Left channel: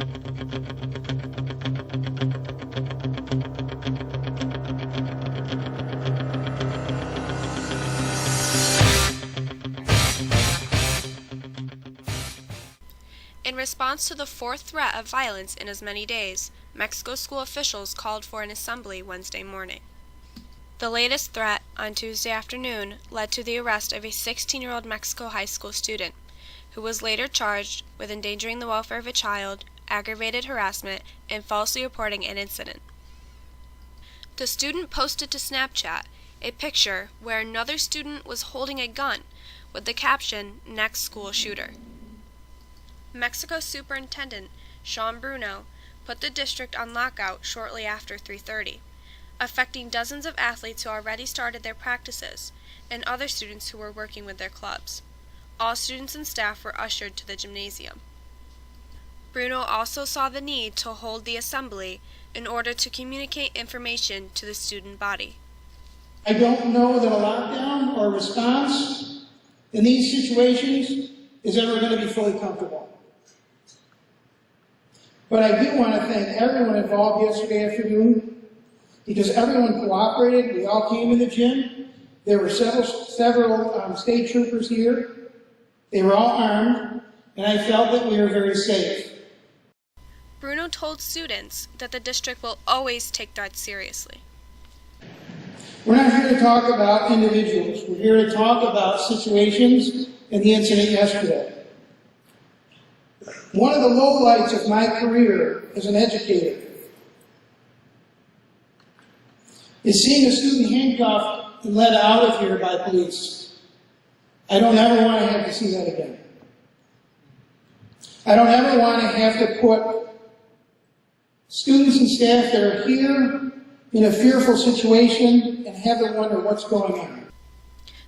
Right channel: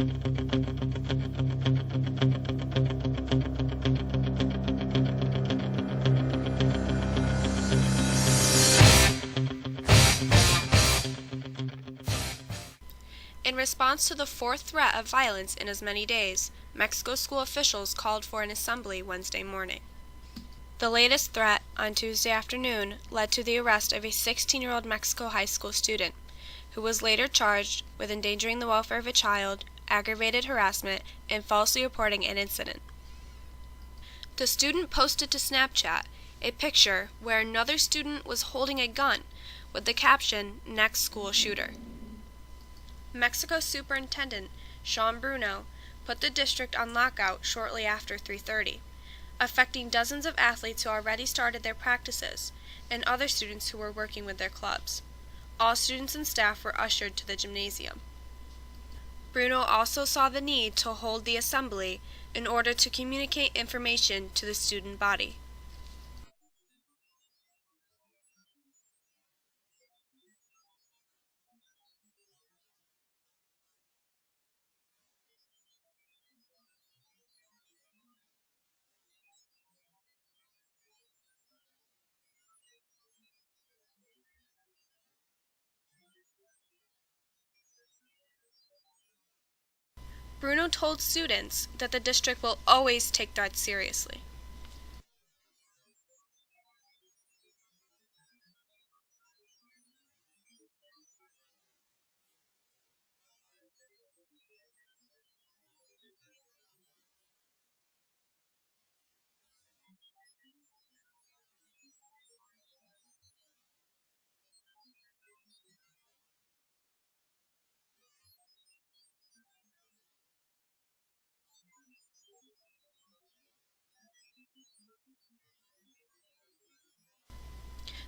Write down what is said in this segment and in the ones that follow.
In response to the fourth threat of violence in as many days, Mexico school officials called for an assembly Wednesday morning. The latest threat, on Tuesday afternoon, led to the arrest of a 16-year-old Mexico high school student, who was later charged with endangering the welfare of a child, aggravated harassment, and falsely reporting an incident. The student posted to Snapchat a picture where another student was holding a gun with the caption, "Next school shooter." Mexico Superintendent Sean Bruno put the district on lockout shortly after 3:30, affecting dozens of athletes who already started their practices and other students who were working with their clubs. All students and staff were ushered to the gymnasium. Bruno also saw the need to hold the assembly in order to communicate information to the student body. I don't know that a lockdown or response in these situations is ever going to be fully comfortable. But I do want to thank everyone involved yesterday afternoon, because everyone cooperated. We all came in the gym. There were several state troopers here. They were all armed, and I felt that we were very safe. Bruno told students that the district will always take threats seriously. We're not here to talk about individuals. We're here to talk about situations and the incident yesterday. One of the lowlights of my career as an educator is seeing a student handcuffed and led out of here by police. I don't ever want to have to see that again. I don't ever want to have to put students and staff that are here in a fearful situation and have them wonder what's going on.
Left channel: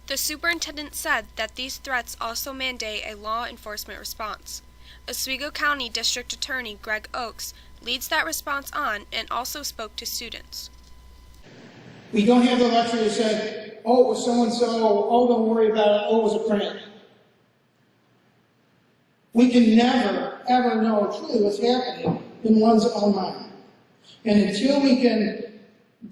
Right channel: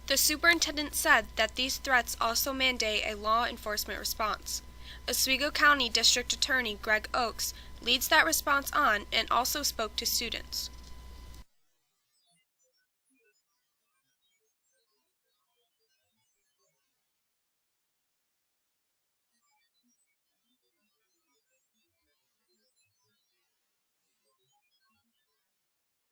The superintendent said that these threats also mandate a law enforcement response. Oswego County District Attorney Greg Oakes leads that response on and also spoke to students. We don't have the luxury to say, oh, it was so-and-so, oh, don't worry about it, oh, it was a prank. We can never, ever know truly what's happening in one's own mind. And until we can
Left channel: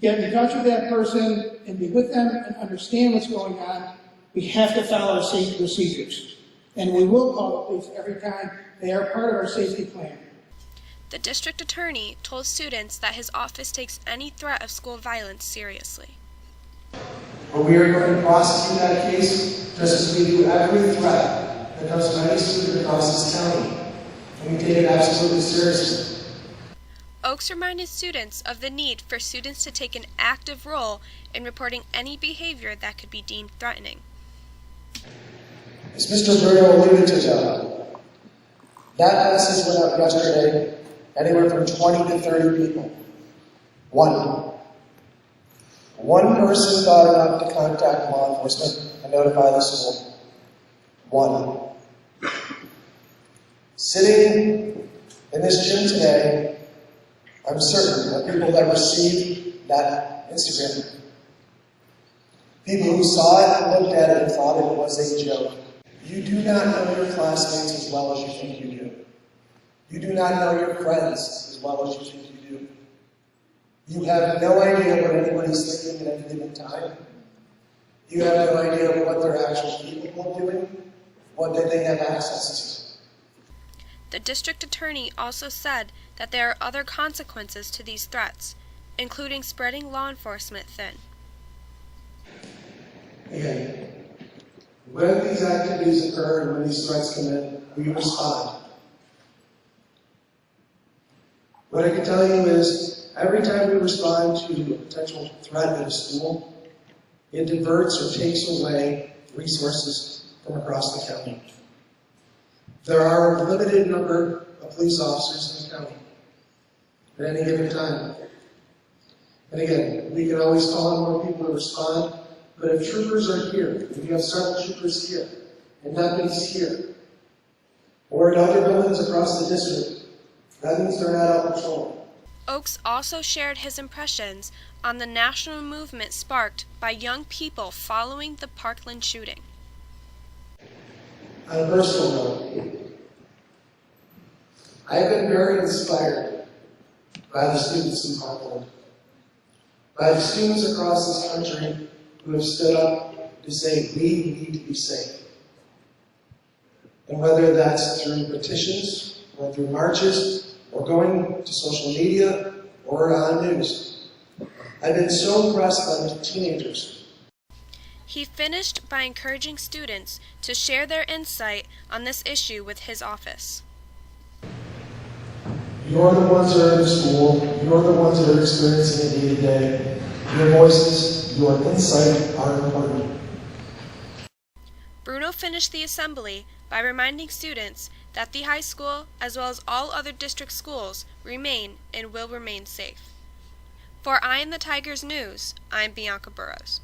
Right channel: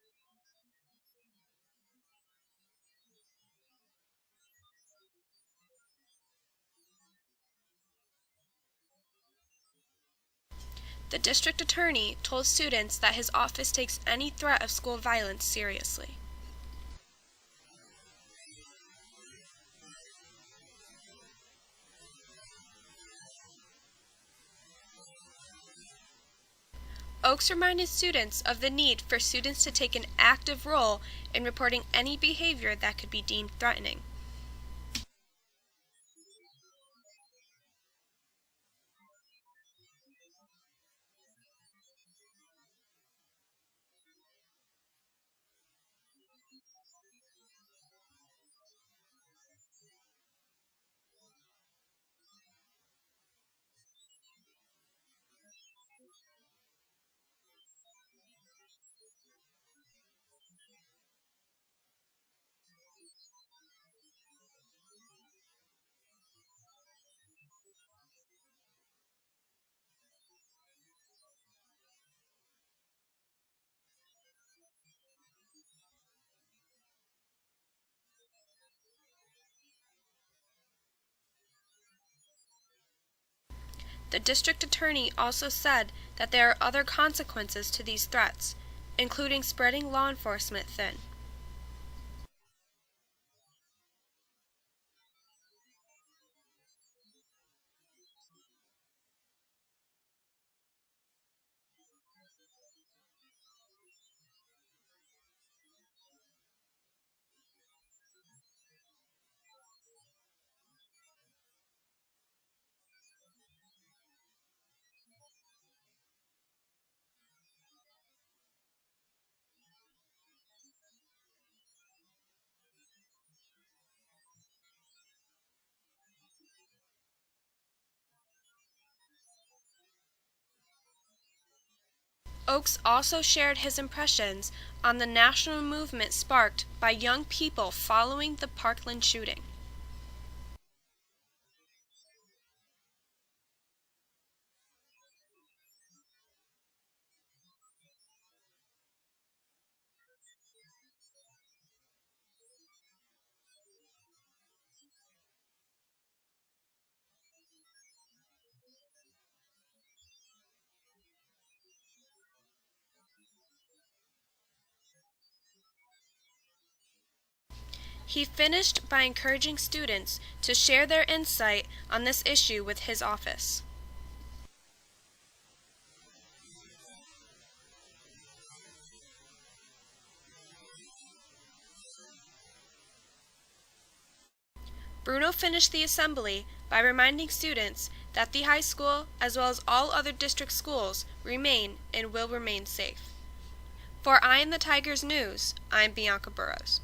get in touch with that person and be with them and understand what's going on, we have to follow our safety procedures. And we will call the police every time they are part of our safety plan. The district attorney told students that his office takes any threat of school violence seriously. But we are going to prosecute that case just as we do every threat that comes from any student across this county. And we take it absolutely seriously. Oakes reminded students of the need for students to take an active role in reporting any behavior that could be deemed threatening. As Mr. Bruno alluded to, John, that message went out yesterday, anywhere from 20 to 30 people. One person thought enough to contact law enforcement and notify the school. One. Sitting in this gym today, I'm certain that people that received that Instagram, people who saw it and looked at it and thought it was a joke. You do not know your classmates as well as you think you do. You do not know your friends as well as you think you do. You have no idea what anybody's thinking at any given time. You have no idea what they're actually capable of doing, what they have access to. The district attorney also said that there are other consequences to these threats, including spreading law enforcement thin. Again, when these activities occur and when these threats come in, we respond. What I can tell you is, every time we respond to a potential threat at a school, it diverts or takes away resources from across the county. There are a limited number of police officers in the county at any given time. And again, we can always call on more people to respond, but if troopers are here, if you have several troopers here, and deputies here, or in other buildings across the district, that means they're not out patrolling. Oakes also shared his impressions on the national movement sparked by young people following the Parkland shooting. On a personal note, I have been very inspired by the students in Parkland, by the students across this country who have stood up to say we need to be safe. And whether that's through petitions, or through marches, or going to social media, or on news, I've been so impressed by the teenagers. He finished by encouraging students to share their insight on this issue with his office. You're the ones that are in school, you're the ones that are experiencing it day to day. Your voices, your insight are important. Bruno finished the assembly by reminding students that the high school, as well as all other district schools, remain and will remain safe. For Eye on the Tigers News, I'm Bianca Burrows.